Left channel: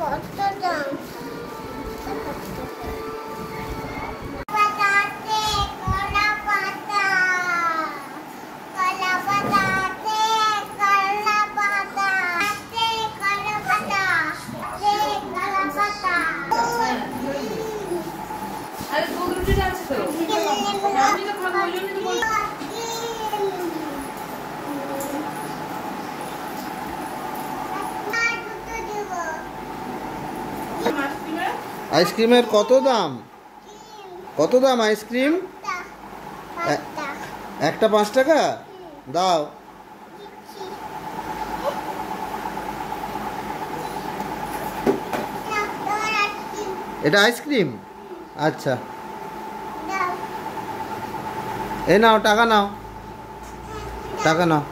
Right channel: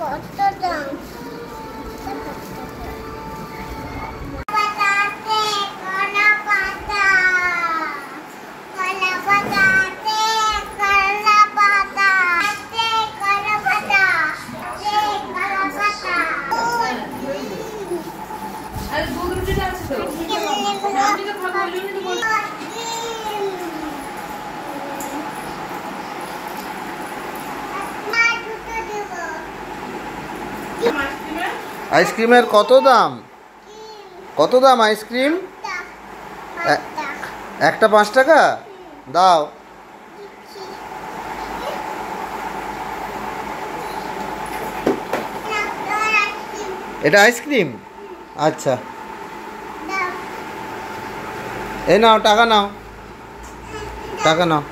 কত দাম? আইসক্রিমের কত দাম? কত দাম আইসক্রিম? একটা 5 টাকা দাও। এটা আইসক্রিম? আচ্ছা, এই নাও টাকা নাও, টাকা নাও।